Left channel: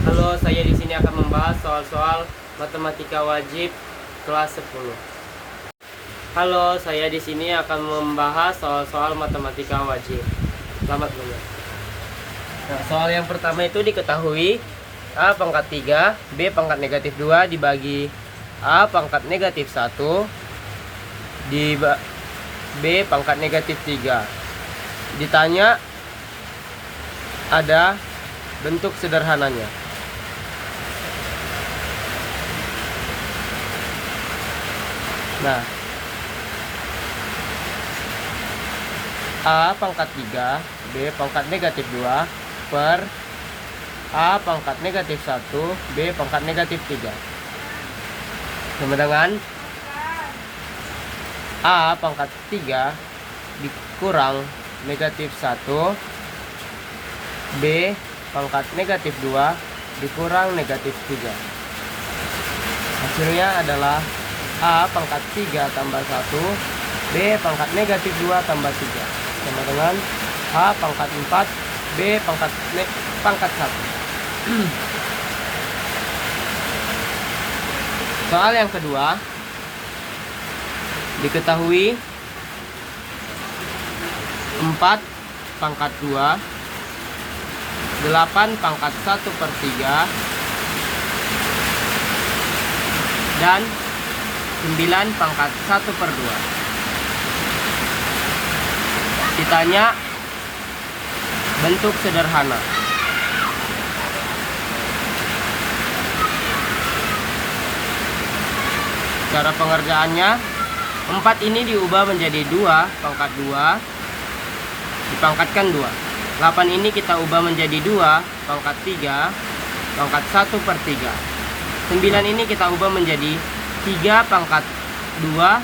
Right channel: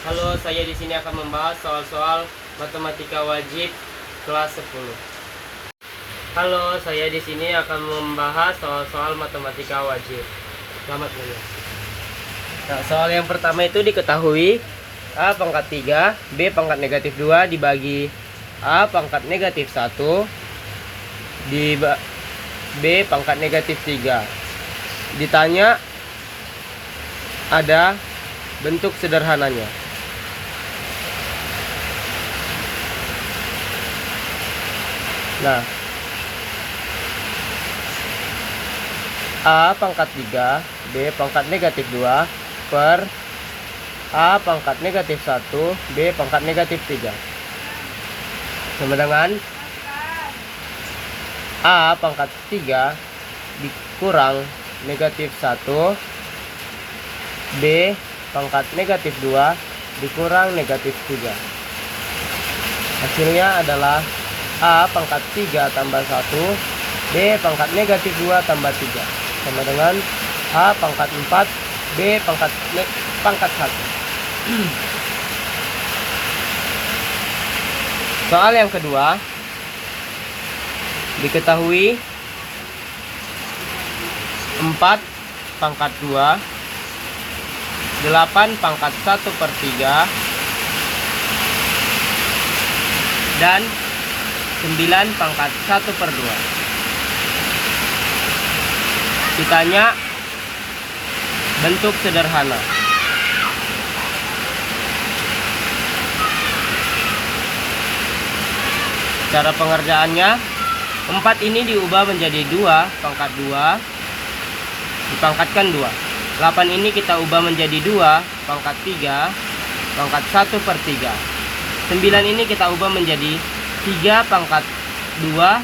Halo, saya di sini akan membahas soal-soal matematika wajib kelas 10. Halo, saya di sini akan membahas soal-soal matematika wajib. Selamat belajar. Nah, soal yang pertama itu diketahui A pangkat 3, B pangkat negatif 2 dibagi A pangkat negatif 1 di B pangkat negatif 3. Ditanya ada bentuk sederhananya. Nah, A pangkat 3, B pangkat negatif 2 per A pangkat negatif 1, B pangkat negatif 3. Sama dengan A pangkat 3 dikurang negatif 1, B pangkat negatif 2 dikurang negatif 3. Hasilnya adalah A pangkat 3 tambah 1, B pangkat negatif 2 tambah 3. Sama dengan A pangkat 4, B pangkat 1. Soal yang kedua, diketahui 4 pangkat 2, 8 pangkat 1/3, dan 9 pangkat 1/2. Ditanya bentuk sederhana. Cara pengerjaannya, 4 ini diubah menjadi 2 pangkat 2, dipangkatkan 2. 8 ini kita ubah menjadi 2 pangkat 3, pangkat 1/3. 9 ini kita ubah menjadi 3 pangkat 2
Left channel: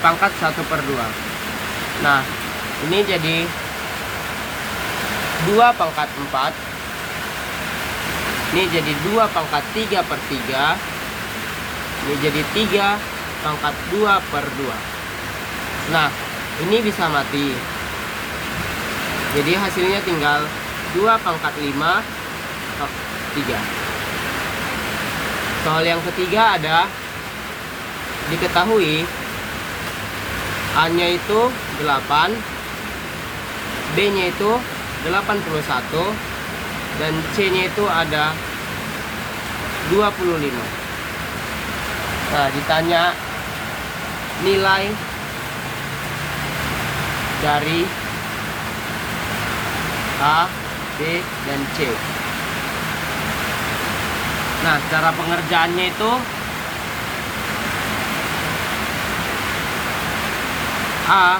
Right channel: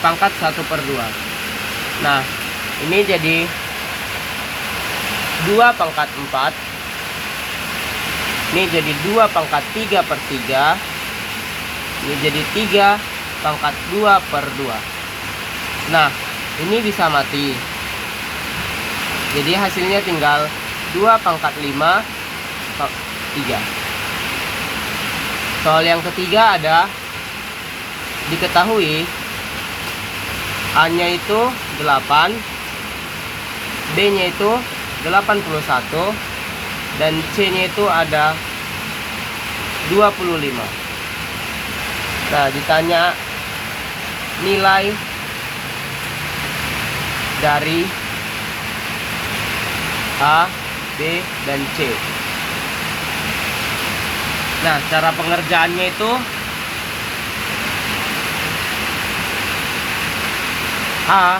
pangkat 1/2. Nah, ini jadi 2 pangkat 4. Ini jadi 2 pangkat 3/3. Ini jadi 3 pangkat 2/2. Nah, ini bisa mati. Jadi hasilnya tinggal 2 pangkat 5/3. Soal yang ketiga ada diketahui A-nya itu 8, B-nya itu 81, dan C-nya itu ada 25. Nah, ditanya nilai dari A, B, dan C. Nah, cara pengerjaannya itu A.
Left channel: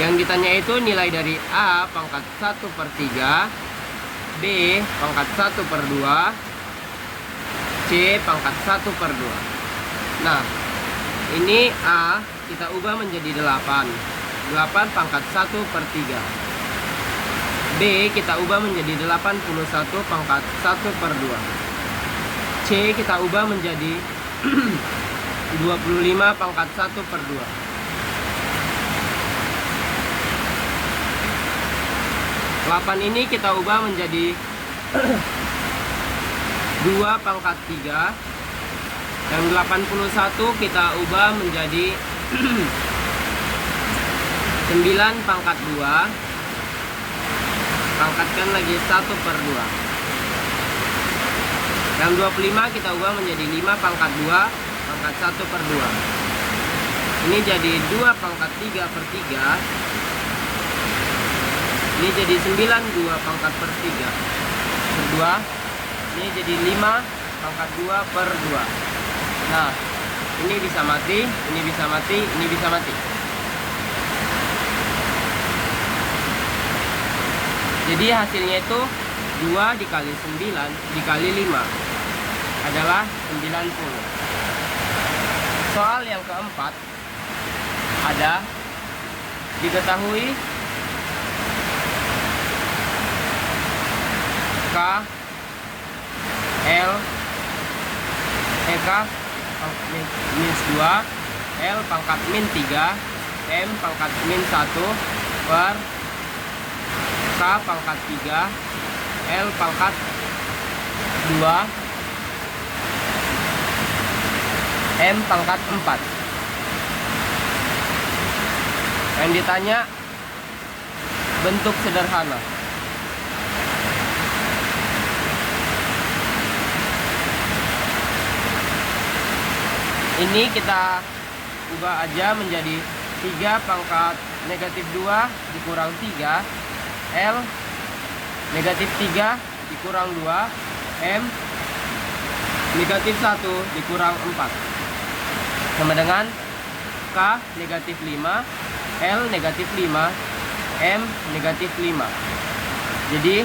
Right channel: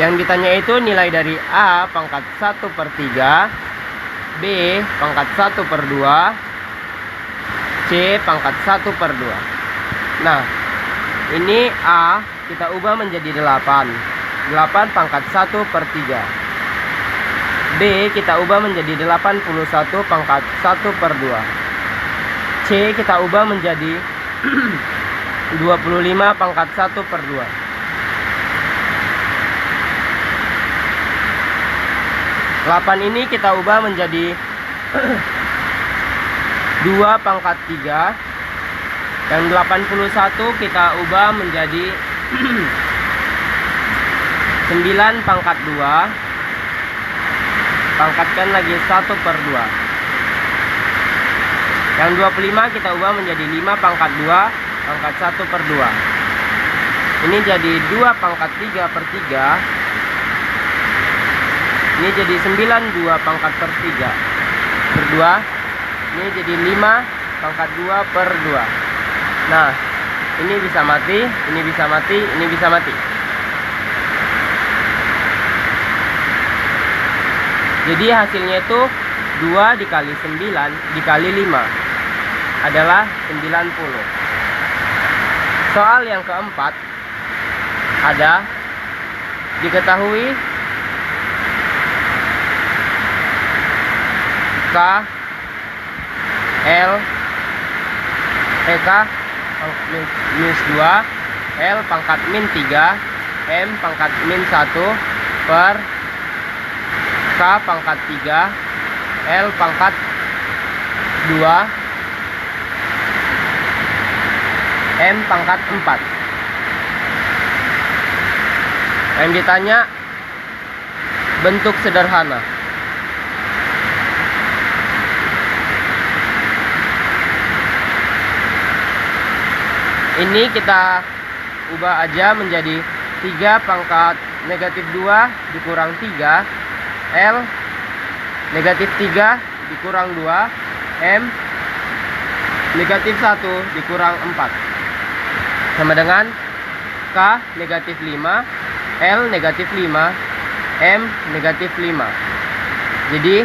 Yang ditanya itu nilai dari A pangkat 1/3, B pangkat 1/2, C pangkat 1/2. Nah, ini A kita ubah menjadi 8. 8 pangkat 1/3. B kita ubah menjadi 81 pangkat 1/2. C kita ubah menjadi 25 pangkat 1/2. Delapan ini kita ubah menjadi 2 pangkat 3, dan 81 kita ubah menjadi 9 pangkat 2, pangkatkan lagi 1/2. Yang 25 kita ubah menjadi 5 pangkat 2 pangkat 1/2. Ini jadi 2 pangkat 3/3. Ini jadi 9 2 pangkat 3/2. Ini jadi 5 pangkat 2/2. Nah, ini bisa mati, ini bisa mati, ini bisa mati. Jadi hasilnya itu 2 dikali 9 dikali 5 adalah 90. Soal yang keempat ada diketahui K minus 2, L pangkat min 3, M pangkat min 1 per K pangkat 3, L pangkat 2, M pangkat 4. Yang ditanya bentuk sederhana. Ini kita ubah aja menjadi 3 pangkat negatif 2 dikurang 3, L negatif 3 dikurang 2, M negatif 1 dikurang 4. Sama dengan K negatif 5, L negatif 5, M negatif 5. Jadi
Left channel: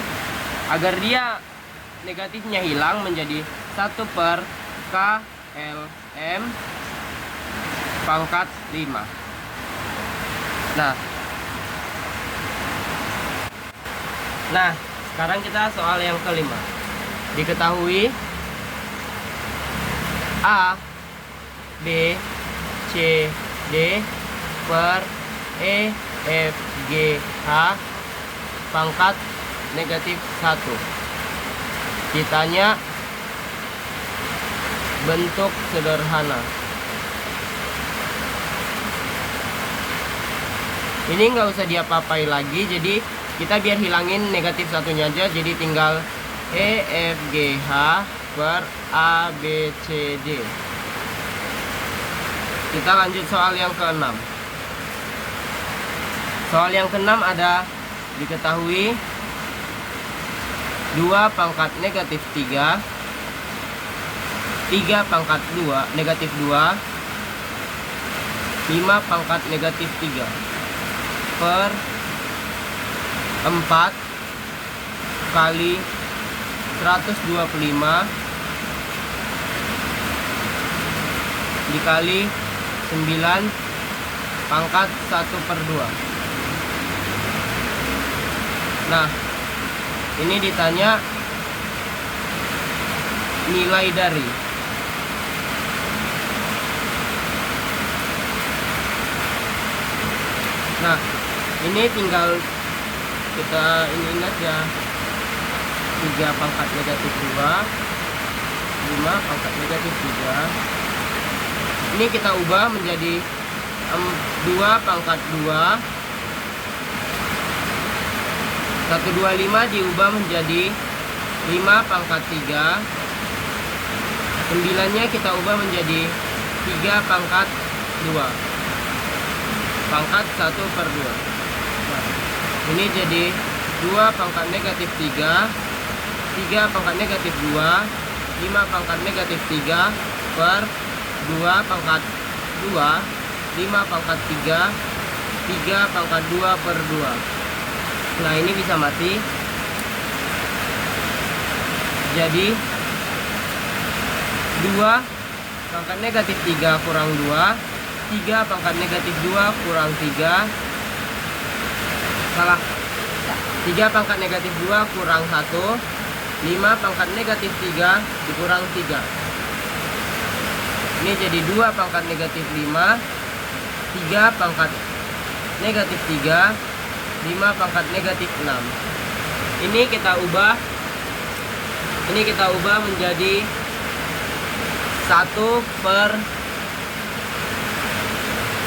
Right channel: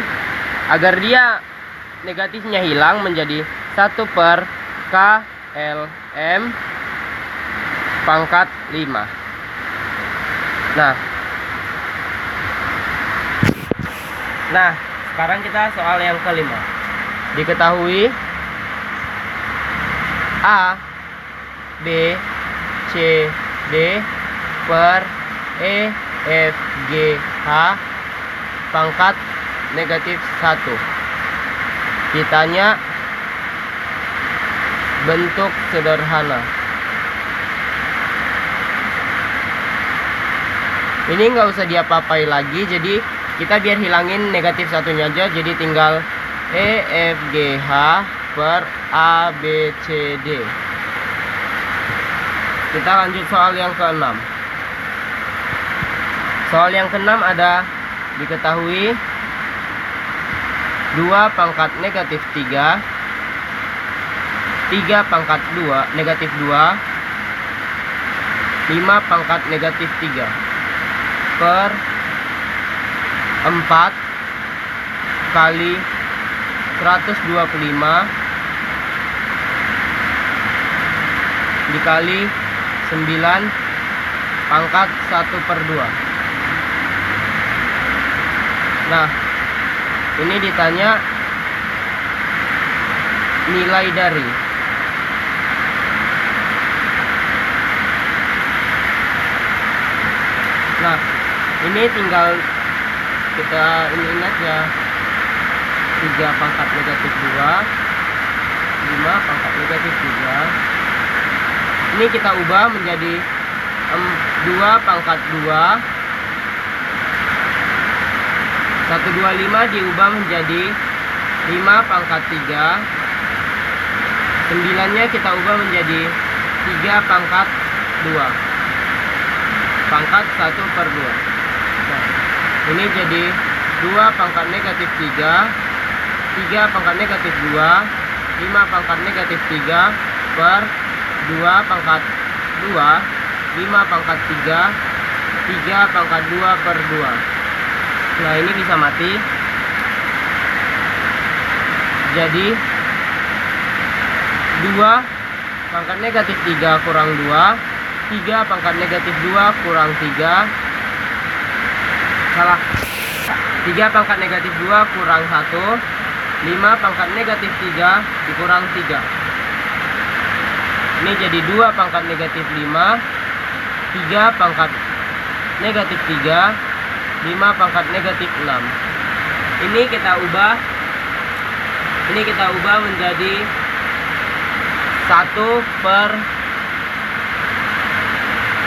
agar dia negatifnya hilang menjadi 1 per K L M pangkat 5. Nah, sekarang kita soal yang kelima. Diketahui A, B, C, D per E, F, G, H pangkat negatif 1. Ditanya bentuk sederhana. Ini nggak usah diapa-apai lagi, jadi kita biar hilangin negatif satunya aja, jadi tinggal E, F, G, H per A, B, C, D. Kita lanjut soal yang ke-6. Soal yang ke-6 ada diketahui 2 pangkat negatif 3, 3 pangkat 2 negatif 2, 5 pangkat negatif 3 per 4 kali 125 dikali 9 pangkat 1 per 2. Nah, ini ditanya nilai dari. Nah, ini tinggal kita ini aja, 3 pangkat negatif 2, 5 pangkat negatif 3. Ini kita ubah menjadi 2 pangkat 2, 125 diubah menjadi 5 pangkat 3, 9 nya kita ubah menjadi 3 pangkat 2 pangkat 1 per 2. Nah, ini jadi 2 pangkat negatif 3, 3 pangkat negatif 2, 5 pangkat negatif 3 per 2 pangkat 2, 5 pangkat 3, 3 pangkat 2 per 2. Nah, ini bisa mati. Jadi 2 pangkat negatif 3 kurang 2, 3 pangkat negatif 2 kurang 3, salah, 3 pangkat negatif 2 kurang 1, 5 pangkat negatif 3 dikurang 3. Ini jadi 2 pangkat negatif 5, 3 pangkat negatif 3, 5 pangkat negatif 6. Ini kita ubah menjadi 1 per,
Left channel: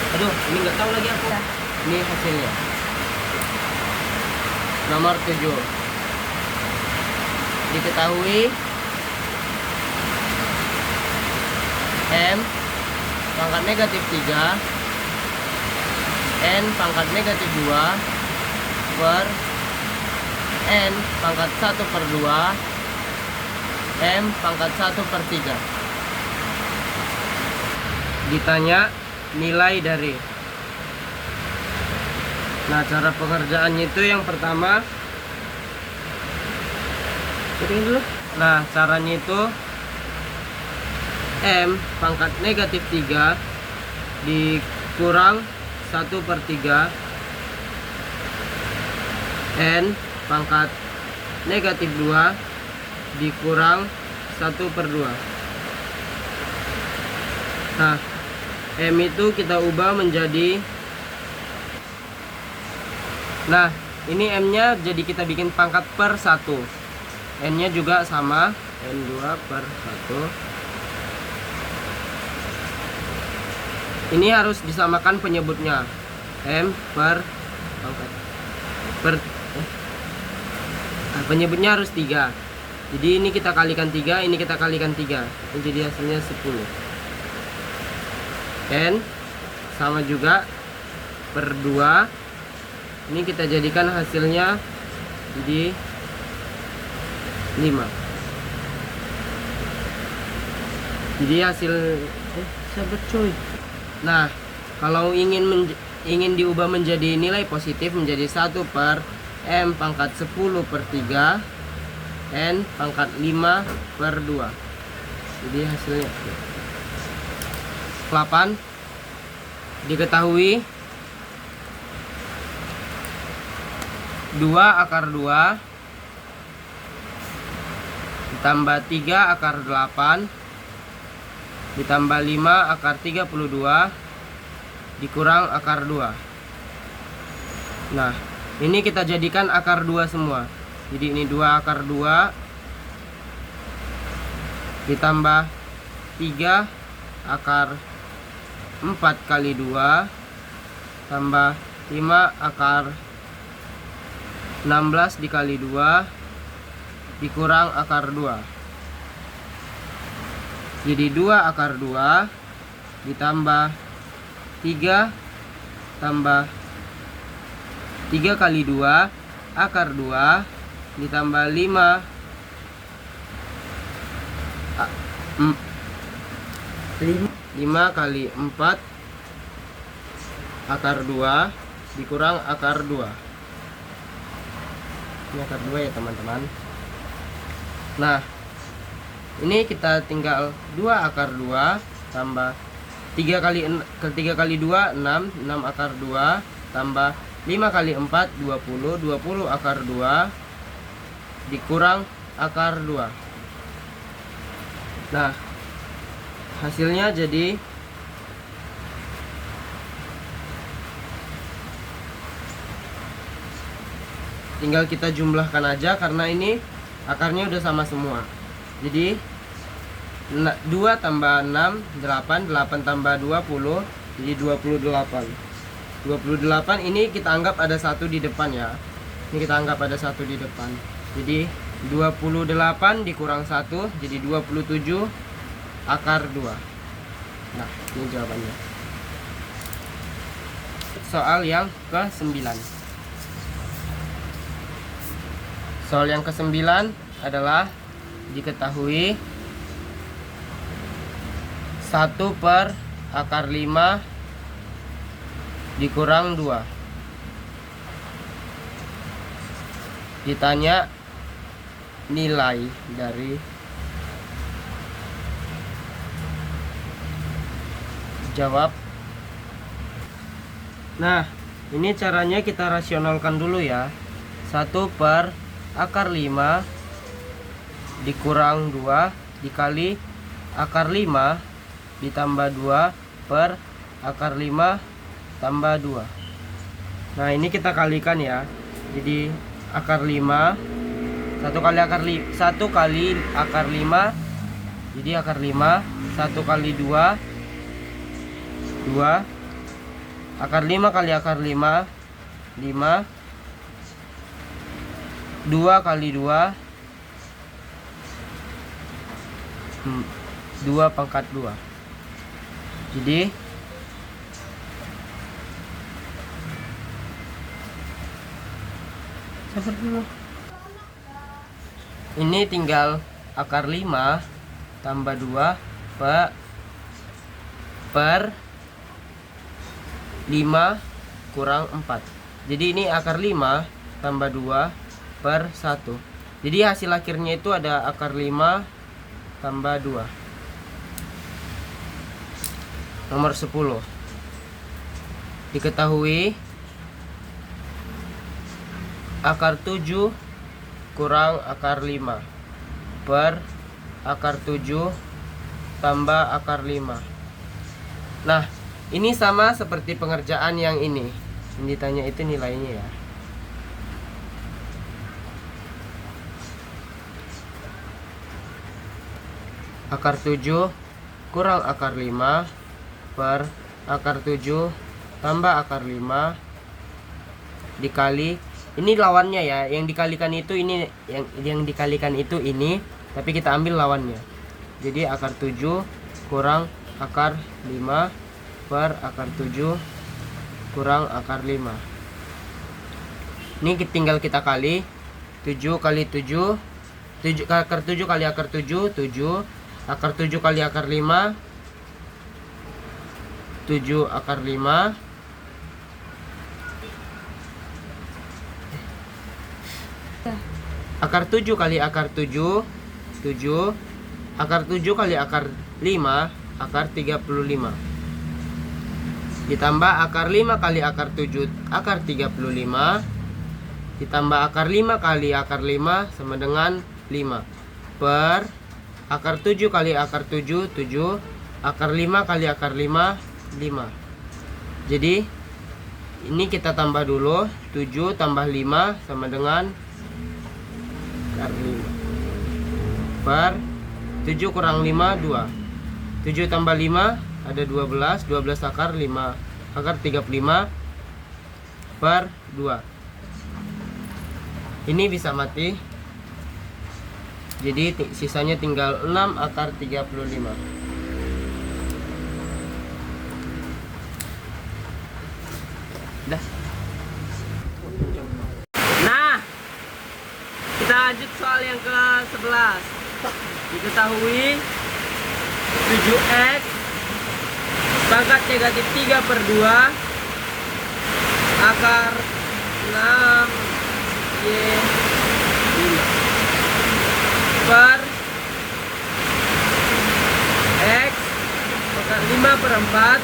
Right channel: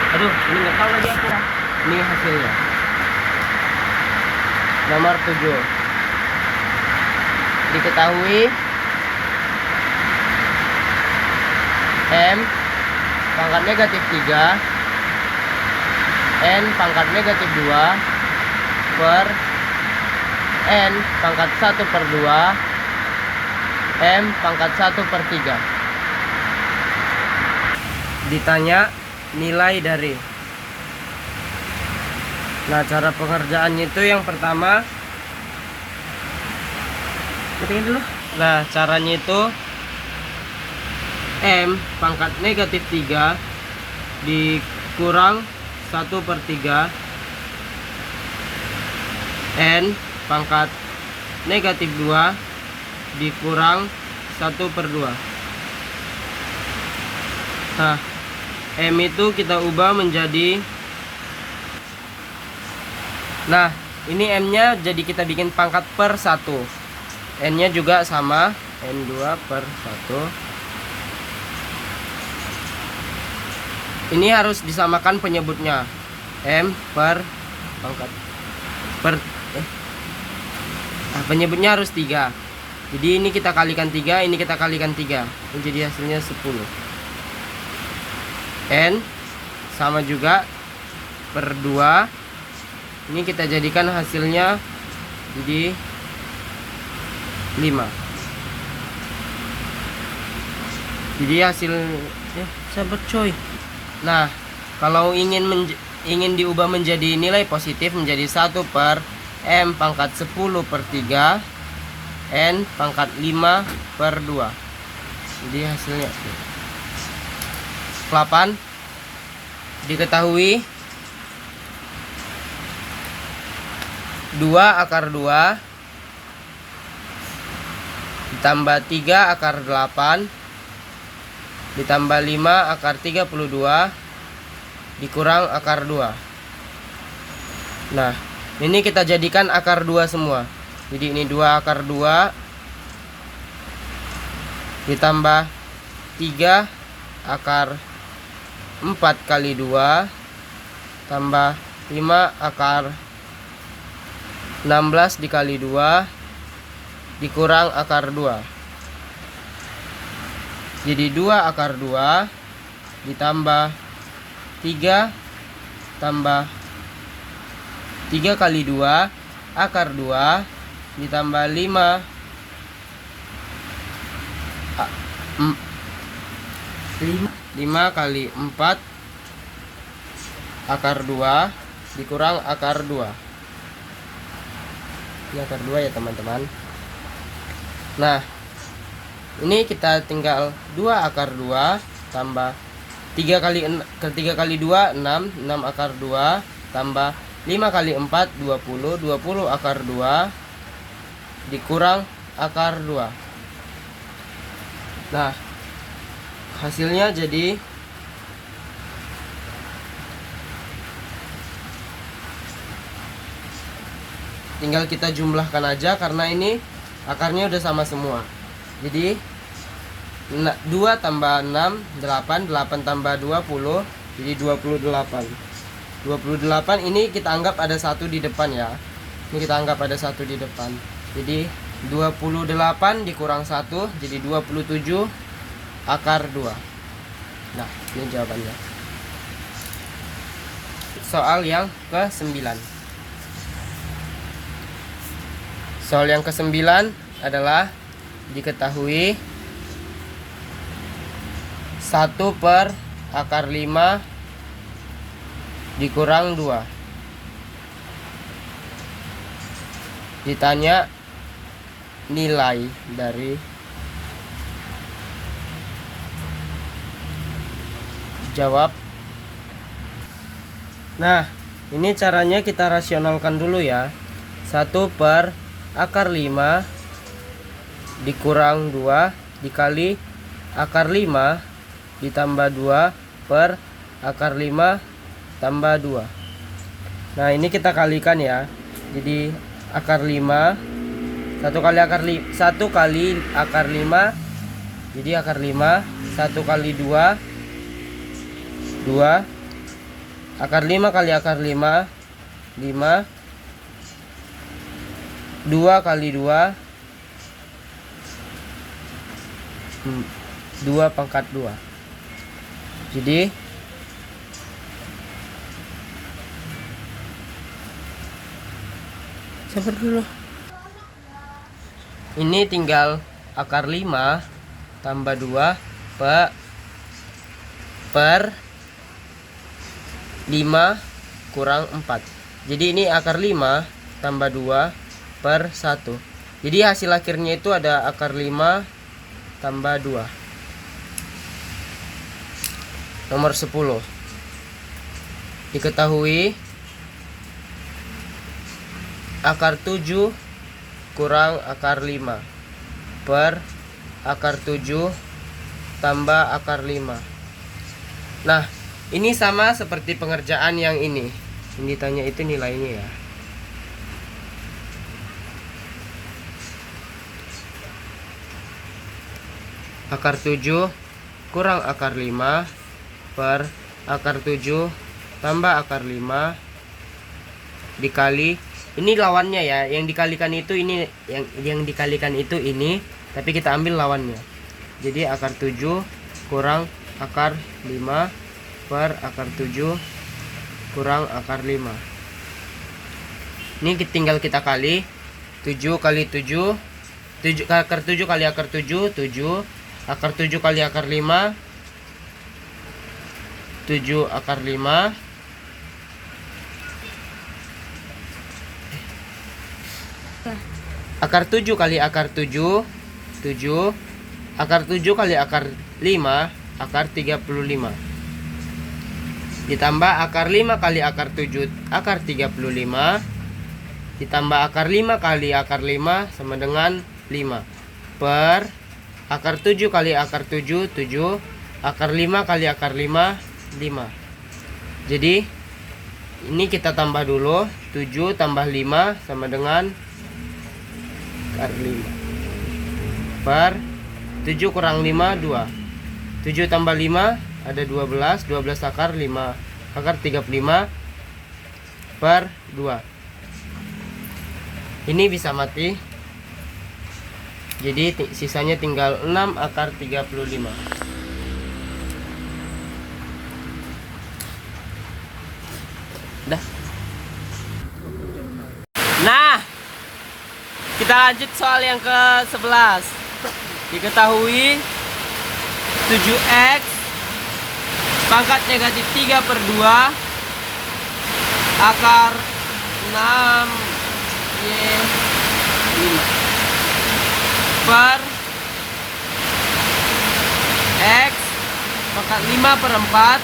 aduh, ini nggak tahu lagi aku. Ini hasilnya nomor 7. Diketahui M pangkat negatif 3, N pangkat negatif 2 per N pangkat 1 per 2, M pangkat 1 per 3. Ditanya nilai dari. Nah, cara pengerjaannya itu yang pertama, nah caranya itu M pangkat negatif 3 dikurang 1 per 3, N pangkat negatif 2 dikurang 1 per 2. Nah, M itu kita ubah menjadi, nah Ini M-nya jadi kita bikin pangkat per 1. N-nya juga sama, N2 per 1. Ini harus disamakan penyebutnya. M per pangkat per penyebutnya harus 3. Jadi ini kita kalikan 3, ini kita kalikan 3, menjadi hasilnya 10. N sama juga per 2. Ini kita jadikan hasilnya jadi 5. Jadi hasil sahabat coy. Nah, kalau ingin diubah menjadi nilai positif menjadi 1 per M pangkat 10 per 3 N pangkat 5 per 2. Jadi hasilnya 8. Diketahui 2 akar 2 ditambah 3 akar 8 ditambah 5 akar 32 dikurang akar 2. Nah, ini kita jadikan akar 2 semua. Jadi ini 2 akar 2 ditambah 3 akar 4 kali 2 tambah 5 akar 16 dikali 2 dikurang akar 2. Jadi 2 akar 2 ditambah 3 tambah 3 kali 2 akar 2 ditambah 5 kali 4 akar 2 dikurang akar 2. Ini akar 2 ya teman-teman. Nah, ini kita tinggal 2 akar 2 tambah 3 kali 2 6 akar 2 tambah 5 kali 4 20 akar 2 dikurang akar 2. Nah, hasilnya jadi tinggal kita jumlahkan aja karena ini akarnya udah sama semua. Jadi 2 tambah 6 8 tambah 20 jadi 28. 28 ini kita anggap ada 1 di depan ya. Ini kita anggap ada 1 di depan. Jadi 28 dikurang 1 jadi 27 akar 2. Nah, ini jawabannya. Soal yang ke-9. Soal yang ke-9 adalah diketahui 1 per akar 5 dikurang 2. Ditanya nilai dari jawab. Nah, ini caranya kita rasionalkan dulu ya. 1 per akar 5 dikurang 2 dikali akar 5 ditambah 2 per akar 5 tambah 2. Nah, ini kita kalikan ya. Jadi akar 5 1 kali akar 5 jadi akar 5 1 kali 2 akar 5 kali akar 5 5 2 kali 2 2 pangkat 2. Jadi sabar dulu. Ini tinggal akar 5 tambah 2 per 5 kurang 4. Jadi ini akar 5 tambah 2 per 1. Jadi hasil akhirnya itu ada akar 5 tambah 2. Nomor 10. Diketahui akar 7 kurang akar 5 per akar 7 tambah akar 5. Nah, ini sama seperti pengerjaan yang ini. Yang ditanya itu nilainya ya. akar 7 kurang akar 5 per akar 7 tambah akar 5 dikali, ini lawannya ya, yang dikalikan itu ini, yang dikalikan itu ini, tapi kita ambil lawannya. Jadi akar 7 kurang akar 5 per akar 7 kurang akar 5. Ini tinggal kita kali 7 kali 7, akar 7 kali akar 7, 7 akar 7 kali akar 5, 7 akar 5 akar 7 kali akar 7, 7 akar 7 kali akar 5, akar 35 ditambah akar 5 kali akar 7, akar 35 ditambah akar 5 kali akar 5 sama dengan 5 per akar 7 kali akar 7, 7 akar 5 kali akar 5, 5. Jadi ini kita tambah dulu, 7 tambah 5 sama dengan akar 5 per 7 kurang 5, 2. 7 tambah 5 ada 12, 12 akar 5, akar 35 per 2. Ini bisa mati. Jadi sisanya tinggal 6 akar 35. Dah. Nah, kita lanjut soal yang ke-11. Diketahui 7x pangkat negatif 3 per 2 akar 6 y per x pangkat 5 per 4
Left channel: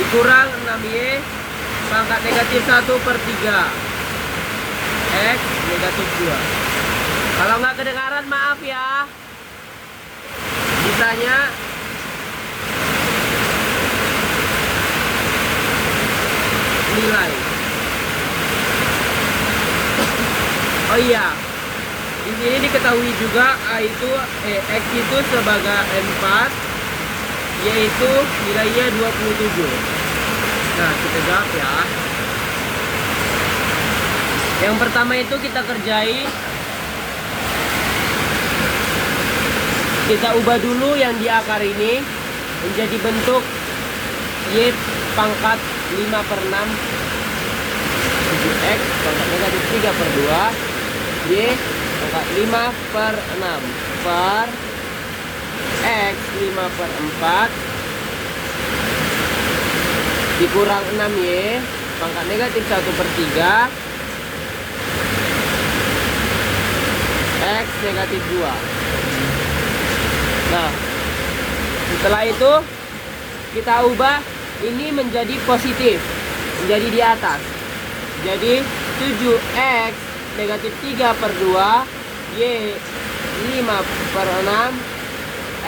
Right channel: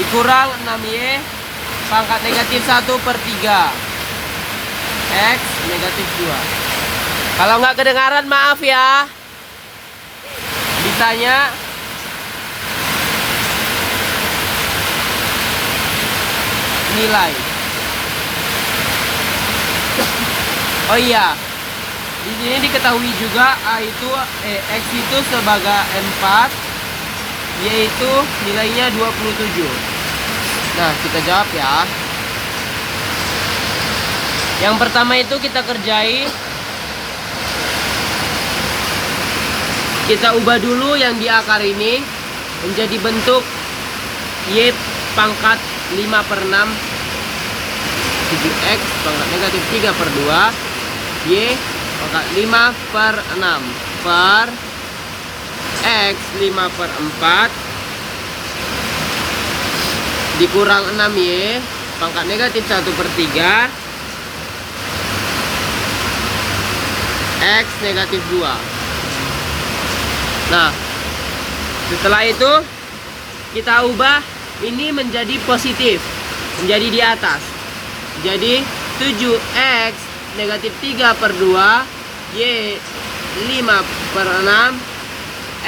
dikurang 6y pangkat negatif 1 per 3 x negatif 2. Kalau nggak kedengaran maaf ya. Ditanya nilai. Oh iya, di sini diketahui juga x itu sebagai 4, yaitu nilainya 27. Nah, kita jawab ya. Yang pertama itu kita kerjai, kita ubah dulu yang di akar ini menjadi bentuk y pangkat 5 per 6 7x pangkat negatif 3 per 2 y pangkat 5 per 6 per x 5 per 4 dikurang 6y pangkat negatif 1 per 3 x negatif 2. Nah, setelah itu kita ubah ini menjadi positif, menjadi di atas. Jadi 7x negatif 3 per 2 y 5 per 6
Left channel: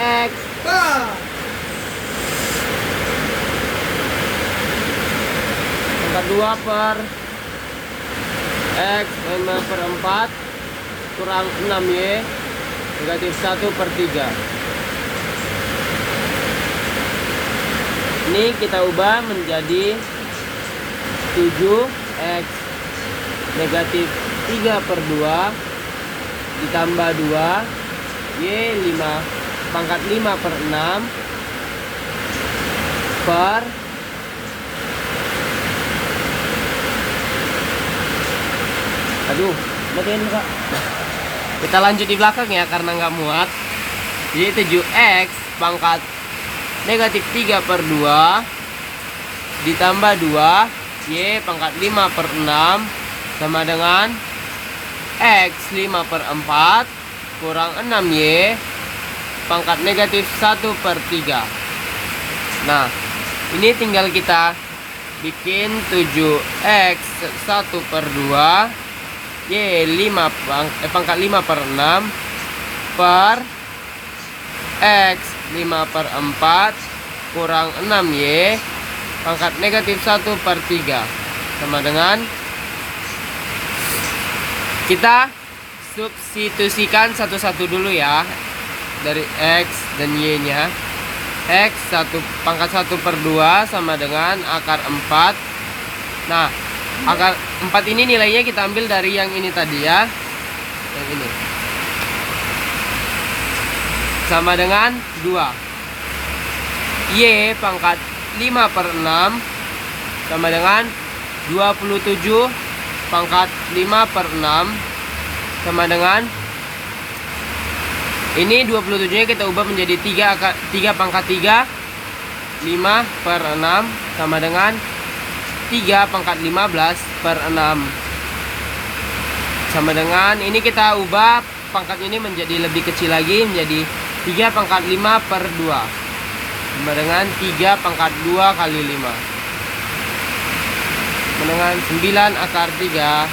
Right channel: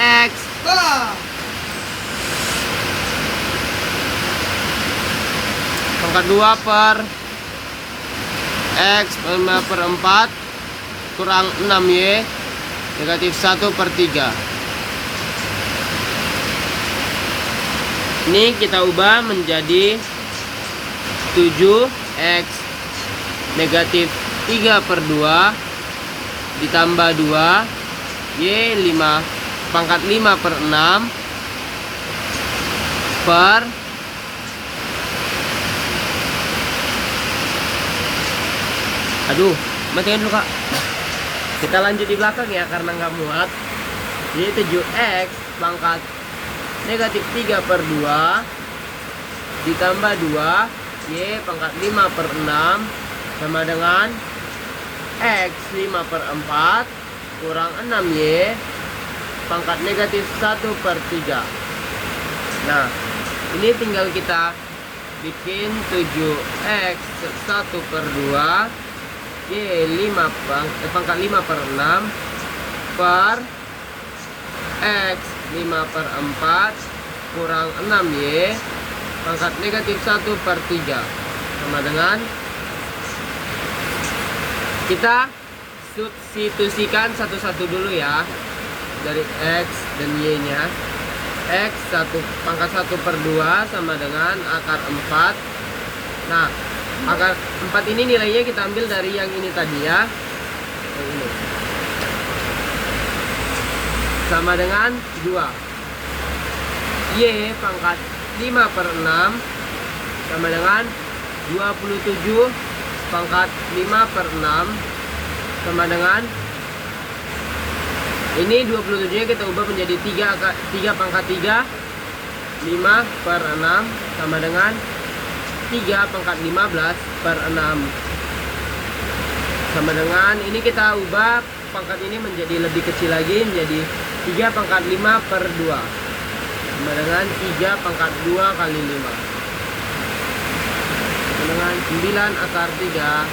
x pangkat 2 per x 5 per 4 kurang 6y negatif 1 per 3. Ini kita ubah menjadi 7x negatif 3 per 2 ditambah 2 y 5 pangkat 5 per 6 per matiin dulu Kak. Kita lanjut di belakang ya karena nggak muat. Jadi 7x pangkat negatif 3 per 2 ditambah 2 y pangkat 5 per 6 sama dengan x 5 per 4 kurang 6y pangkat negatif 1 per 3. Nah, ini tinggal kita bikin 7x 1 per 2 y 5 pangkat 5 per 6 per x 5 per 4 kurang 6y pangkat negatif 1 per 3 sama dengan, kita substitusikan satu-satu dulu ya. dari X dan Y-nya. X pangkat 1 per 2 sama dengan akar 4. Nah, akar 4 ini nilainya kita ambil dari yang ini tadi ya. Yang ini. Sama dengan 2. Y pangkat 5 per 6 sama dengan 27 pangkat 5 per 6 sama dengan ini 27 nya kita ubah menjadi 3 pangkat 3 5 per 6 sama dengan 3 pangkat 15 per 6 sama dengan ini kita ubah pangkat ini menjadi lebih kecil lagi menjadi 3 pangkat 5 per 2 sama dengan 3 pangkat 2 kali 5 sama dengan 9 akar 3.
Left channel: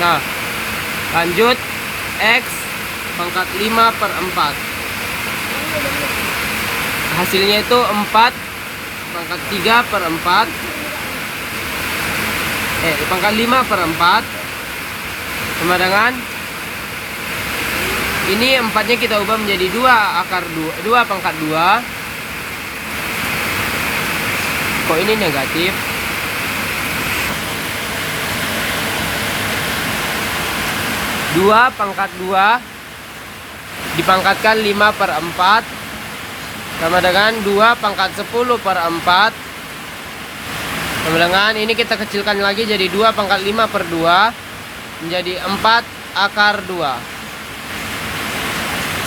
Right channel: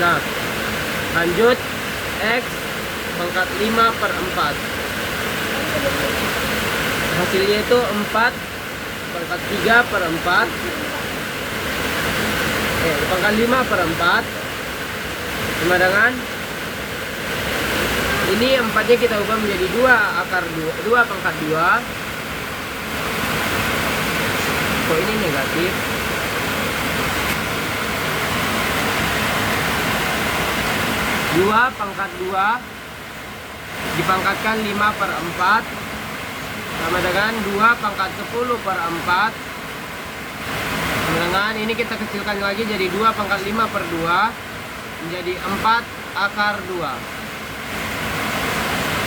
Nah, lanjut X pangkat 5 per 4. Hasilnya itu 4 pangkat 3 per 4. Pangkat 5 per 4 sama dengan ini 4 nya kita ubah menjadi 2 akar 2 pangkat 2. Kok ini negatif? 2 pangkat 2 dipangkatkan 5 per 4 sama dengan 2 pangkat 10 per 4 sama dengan ini kita kecilkan lagi jadi 2 pangkat 5 per 2 menjadi 4 akar 2.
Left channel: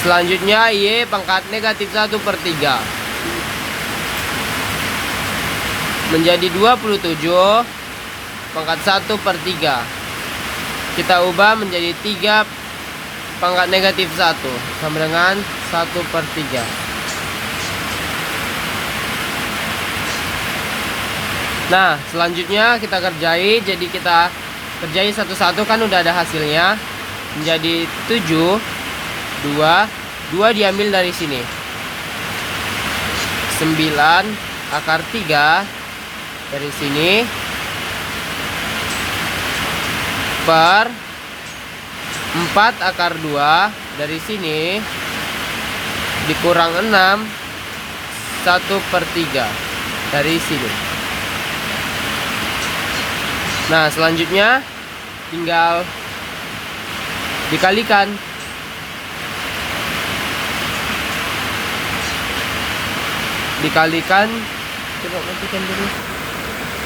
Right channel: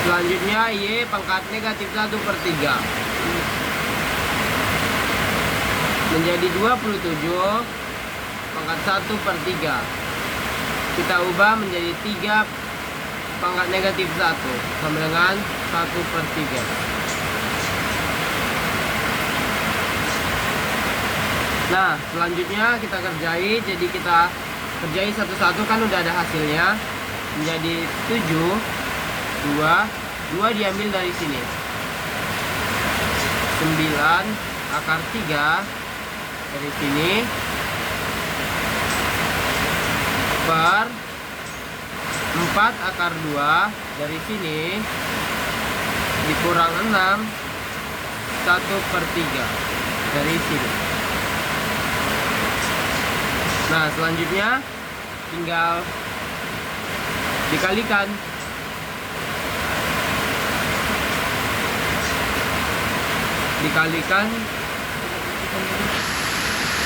Selanjutnya Y pangkat negatif 1 per 3 menjadi 27 pangkat 1 per 3. Kita ubah menjadi 3 pangkat negatif 1 sama dengan 1 per 3. Nah, selanjutnya kita kerjai. Jadi kita kerjai satu-satu, kan udah ada hasilnya. Menjadi 7 2 diambil dari sini 9 akar 3 dari sini per 4 akar 2 dari sini dikurang 6 1 per 3 dari sini. Nah, selanjutnya tinggal dikalikan.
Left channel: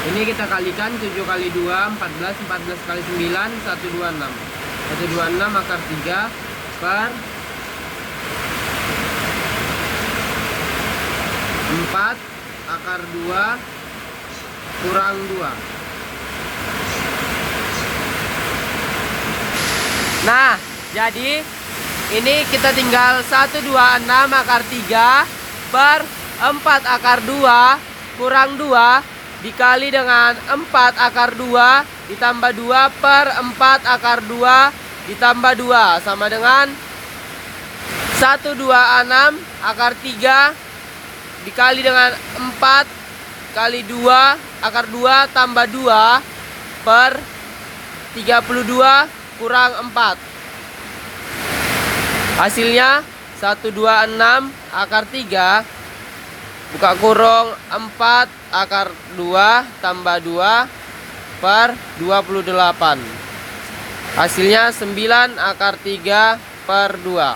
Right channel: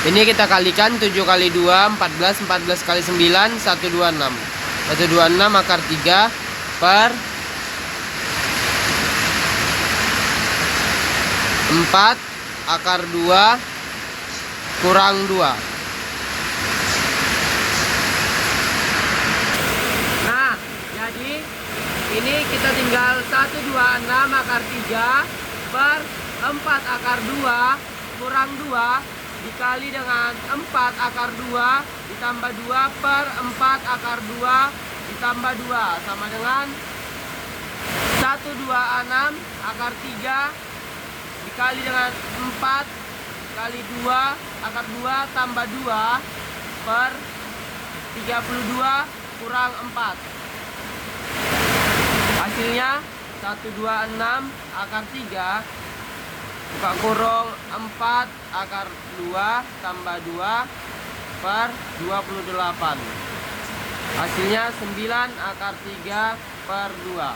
Ini kita kalikan 7 kali 2 14, 14 kali 9 126. 126 akar 3 per 4 akar 2 kurang 2. Nah, jadi ini kita tinggal 126 akar 3 per 4 akar 2 kurang 2 dikali dengan 4 akar 2 ditambah 2 per 4 akar 2 ditambah 2 sama dengan 126 akar 3 dikali dengan 4 kali 2 akar 2 tambah 2 per 32 kurang 4. Hasilnya 126 akar 3 buka kurung 4 akar 2 tambah 2 per 28. Hasilnya 9 akar 3 per 2.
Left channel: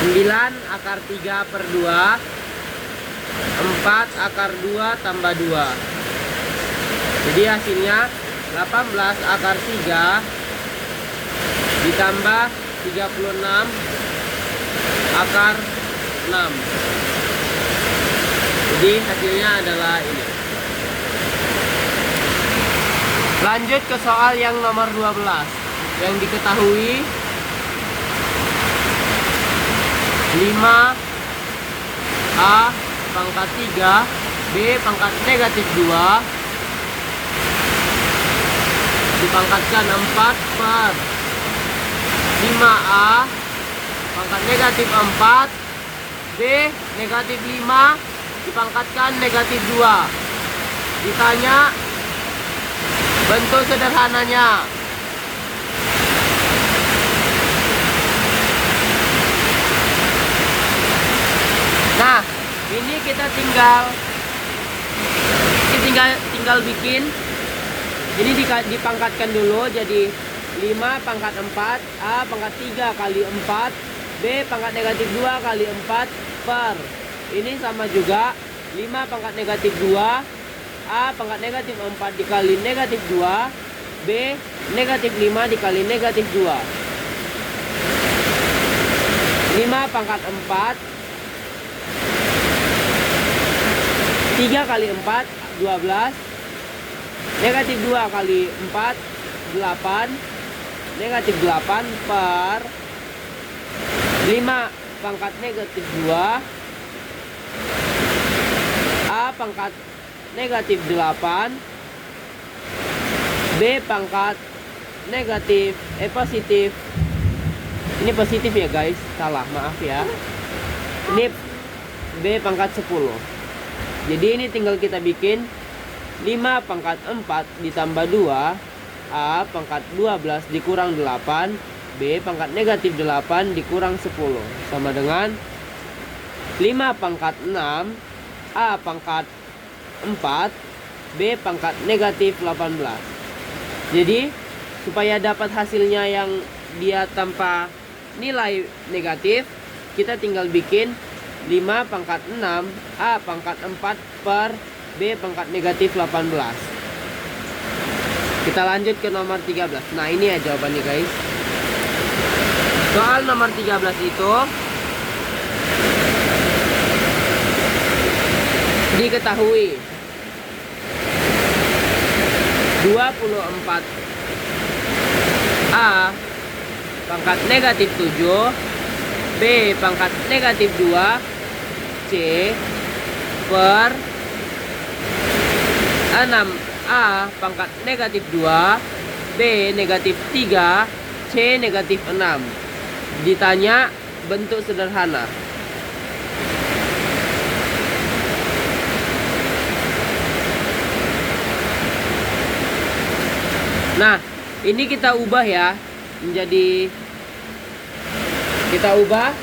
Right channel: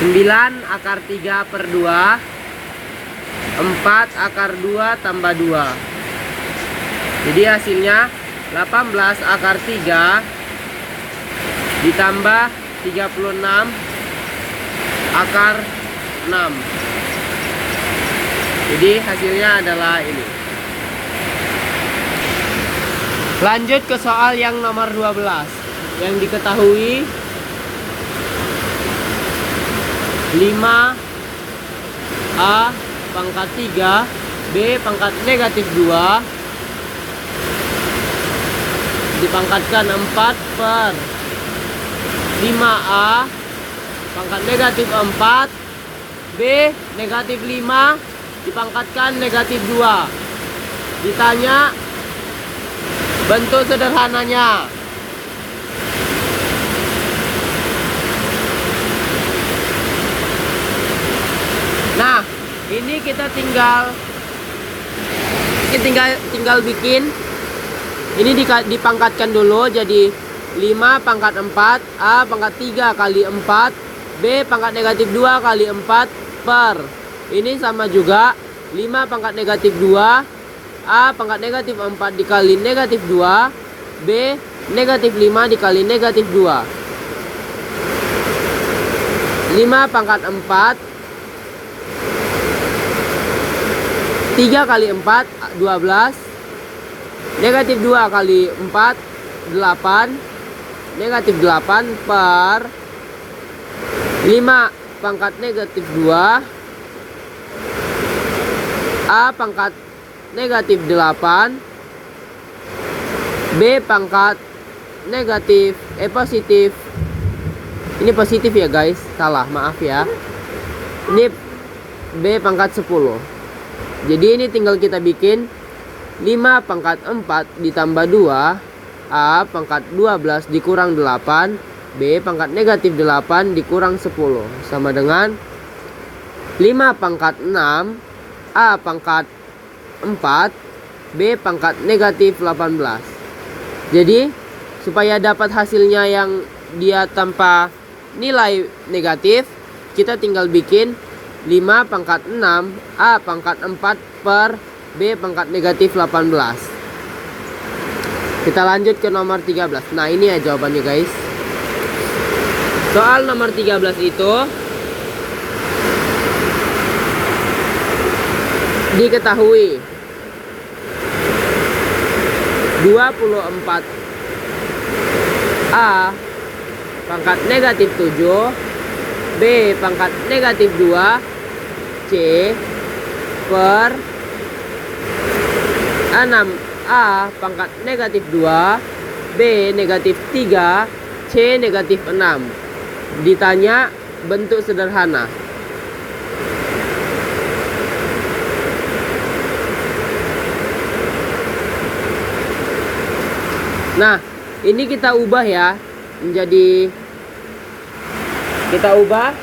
Sembilan akar 3 per 2 4 akar 2 tambah 2. Jadi hasilnya 18 akar 3 ditambah 36 akar 6. Jadi hasilnya adalah ini. Lanjut ke soal yang nomor 12. Yang diketahui 5A pangkat 3 B pangkat negatif 2 dipangkatkan 4 per 5A pangkat negatif 4 B negatif 5 dipangkatkan negatif 2. Ditanya bentuk sederhananya. Nah, ini kita tinggal bikin. Ini dipangkatkan dulu jadi 5 pangkat 4 A pangkat 3 kali 4 B pangkat negatif 2 kali 4 per. Ini sama juga 5 pangkat negatif 2 A pangkat negatif 4 dikali negatif 2 B negatif 5 dikali negatif 2. 5 pangkat 4 3 kali 4 12. Negatif 2 kali 4 8. Negatif 8 per 5 pangkat negatif 2 A pangkat negatif 8 B pangkat negatif positif. Ini positif ya guys, salah, maaf ya. Ini B pangkat 10. Jadi ini tinggal kita bikin 5 pangkat 4 ditambah 2 A pangkat 12 dikurang 8 B pangkat negatif 8 dikurang 10 sama dengan 5 pangkat 6 A pangkat 4 B pangkat negatif 18. Jadi supaya dapat hasilnya yang dia tanpa nilai negatif, kita tinggal bikin 5 pangkat 6 A pangkat 4 per B pangkat negatif 18. Kita lanjut ke nomor 13. Nah ini ya jawabannya guys. Soal nomor 13 itu diketahui 24 A pangkat negatif 7 B pangkat negatif 2 C per 6 A pangkat negatif 2 B negatif 3 C negatif 6. Ditanya bentuk sederhana. Nah ini kita ubah ya menjadi, kita ubah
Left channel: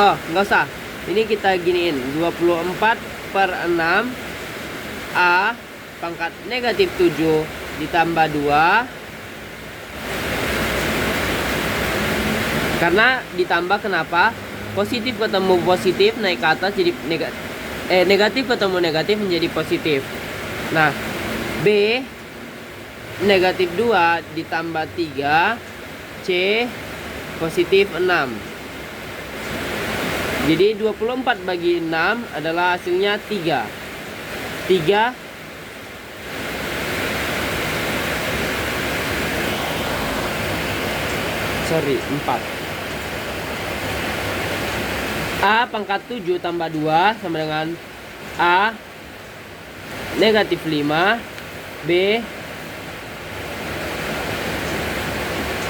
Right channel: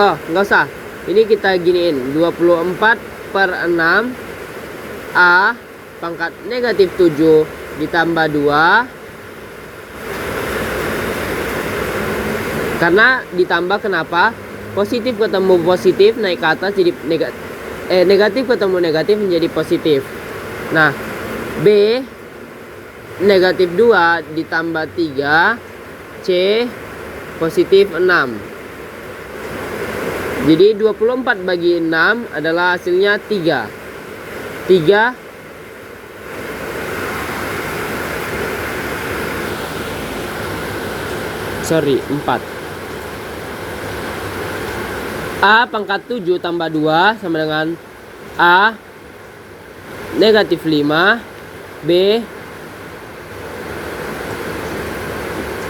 nggak usah, ini kita giniin 24 per 6 A pangkat negatif 7 ditambah 2. Karena ditambah kenapa? Positif ketemu positif naik ke atas jadi negatif ketemu negatif menjadi positif. Nah B negatif 2 ditambah 3 C positif 6. Jadi 24 bagi 6 adalah hasilnya 3. 4 A pangkat 7 tambah 2 sama dengan A negatif 5 B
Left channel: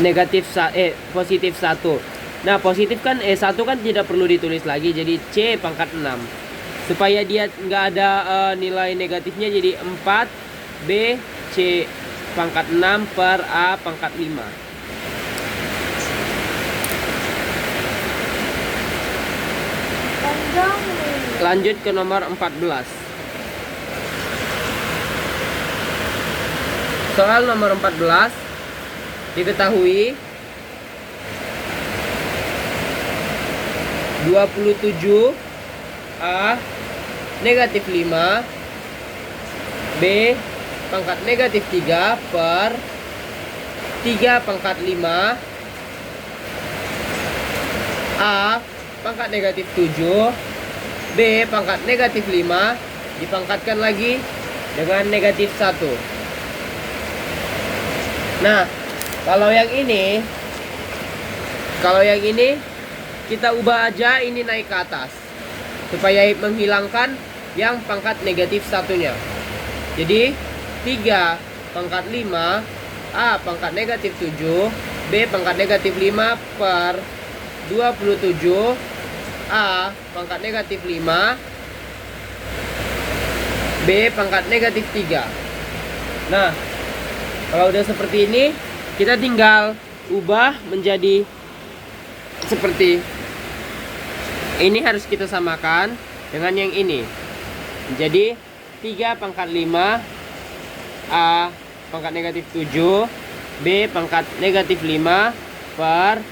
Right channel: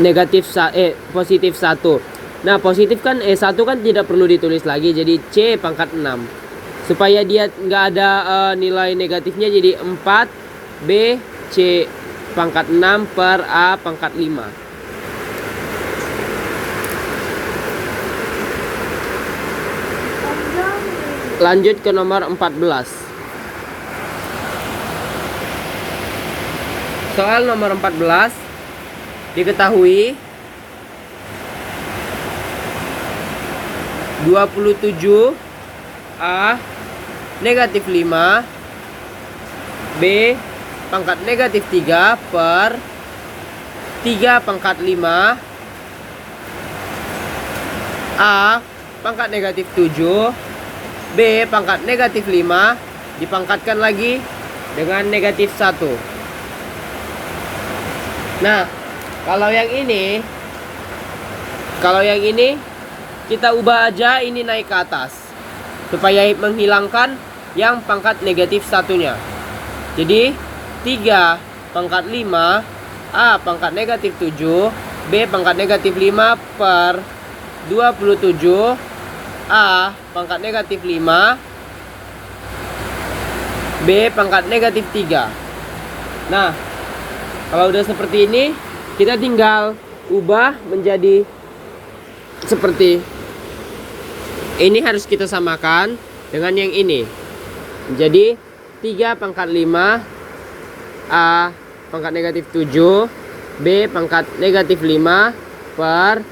negatif positif 1. Nah positif kan 1 kan tidak perlu ditulis lagi, jadi C pangkat 6. Supaya dia nggak ada nilai negatifnya, jadi 4 B C pangkat 6 per A pangkat 5. Lanjut ke nomor 14. Soal nomor 14 diketahui 27 A negatif 5 B pangkat negatif 3 per 3 pangkat 5 A pangkat negatif 7 B pangkat negatif 5 dipangkatkan lagi dengan negatif 1. Nah kalau yang ini kita ubah aja ini naik ke atas supaya menghilangkan yang pangkat negatif satunya. Jadi 3 pangkat 5 A pangkat negatif 7 B pangkat negatif 5 per 27 A pangkat negatif 5, B pangkat negatif 3. Nah, kalau udah seperti ini, kita tinggal ubah menjadi seperti ini. Harus kita samakan dengan yang ini. Jadi 3 pangkat 5, A pangkat negatif 7, B pangkat negatif 5 per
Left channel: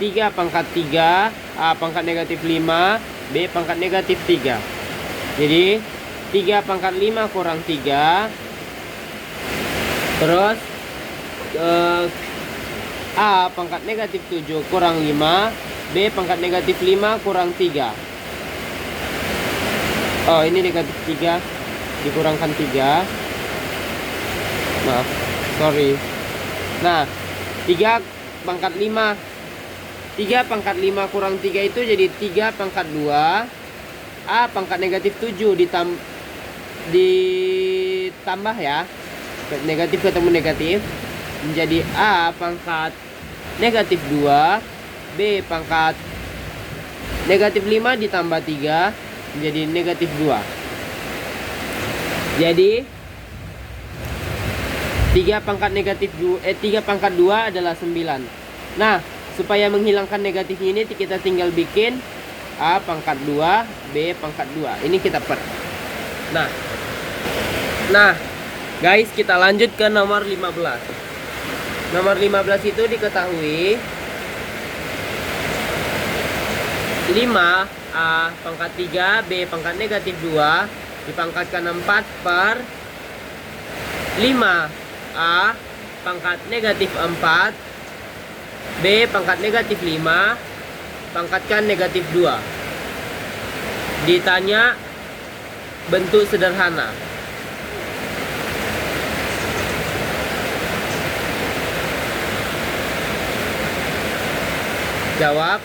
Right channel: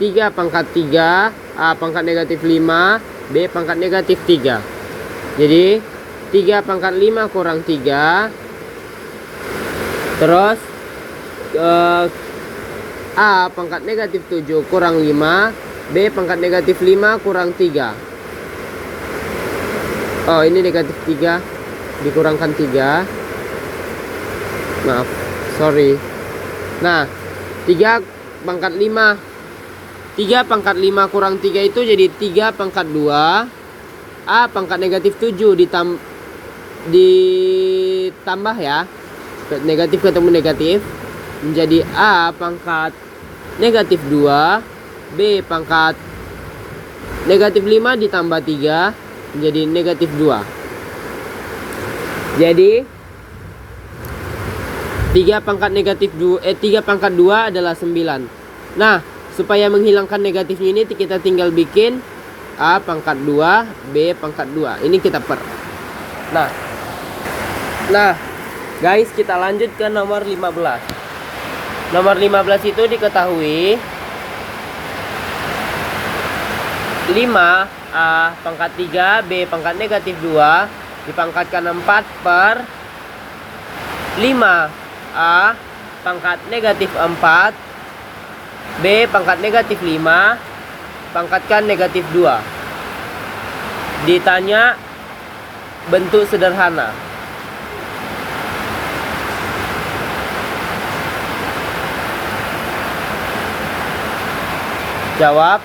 3 pangkat 3, A pangkat negatif 5, B pangkat negatif 3. Jadi 3 pangkat 5 kurang 3. Terus A pangkat negatif 7 kurang 5, B pangkat negatif 5 kurang 3. Oh, ini negatif 3 dikurangkan 3. Maaf, sorry. Nah, 3 pangkat 5, 3 pangkat 5 kurang 3 itu jadi 3 pangkat 2. A pangkat negatif 7 ditambah ya, negatif ketemu negatif, menjadi A pangkat negatif 2, B pangkat negatif 5 ditambah 3 menjadi negatif 2. Jadi 3 pangkat negatif 3 pangkat 2 adalah 9. Nah, supaya menghilangkan negatifnya ini kita tinggal bikin A pangkat 2, B pangkat 2. Ini kita per. Nah, guys, kita lanjut ke nomor 15. Nomor 15 itu diketahui 5 A pangkat 3, B pangkat negatif 2 dipangkatkan 4 per 5 A pangkat negatif 4, B pangkat negatif 5 pangkatkan negatif 2. Ditanya bentuk sederhana. Jawab.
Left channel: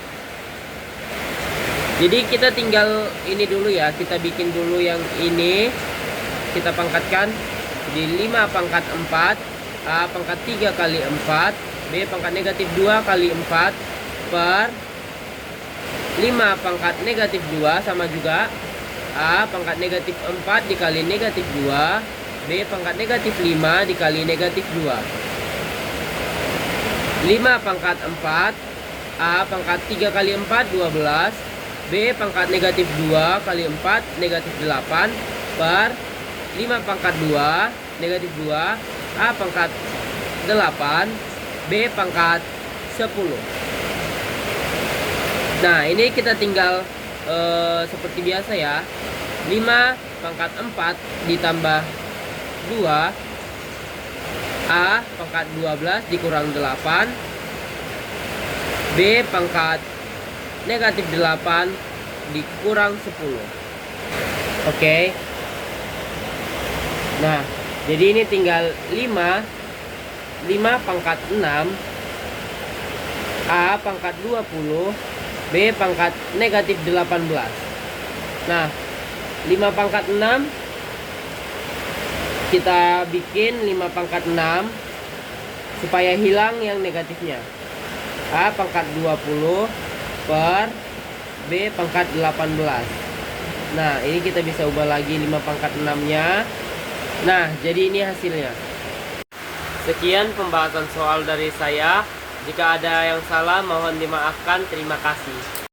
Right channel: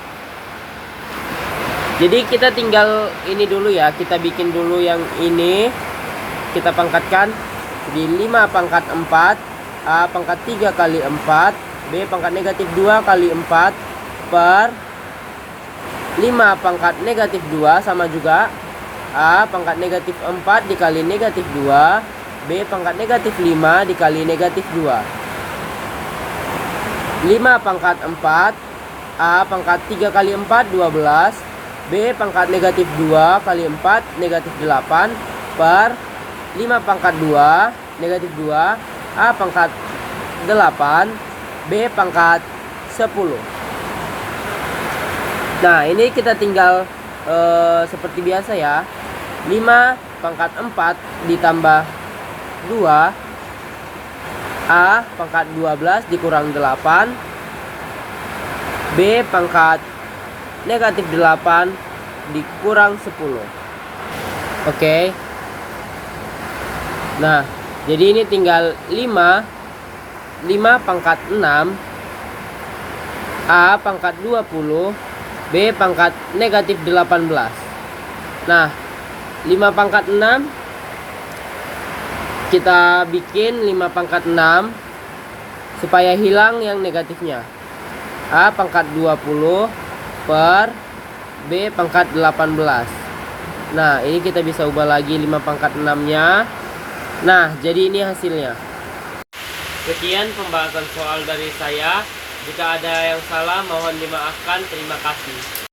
Jadi kita tinggal ini dulu ya, kita bikin dulu yang ini, kita pangkatkan. Jadi 5 pangkat 4, A pangkat 3 kali 4, B pangkat negatif 2 kali 4 per 5 pangkat negatif 2 sama juga A pangkat negatif 4 dikali negatif 2, B pangkat negatif 5 dikali negatif 2. 5 pangkat 4, A pangkat 3 kali 4 12, B pangkat negatif 2 kali 4 negatif 8 per 5 pangkat 2 negatif 2, A pangkat 8, B pangkat 10. Nah, ini kita tinggal seperti biasa ya. 5 pangkat 4 ditambah 2, A pangkat 12 dikurang 8, B pangkat negatif 8 dikurang 10. Oke. Nah, jadi ini tinggal 5 pangkat 6, A pangkat 20, B pangkat negatif 18. Nah, 5 pangkat 6 kita bikin 5 pangkat 6 supaya hilang yang negatifnya. A pangkat 20 per B pangkat 18. Nah, ini kita bisa ubah lagi 5 pangkat 6-nya. Nah, jadi ini hasilnya. Sekian pembahasan soal dari saya. Jika ada yang salah mohon dimaafkan. Terima kasih.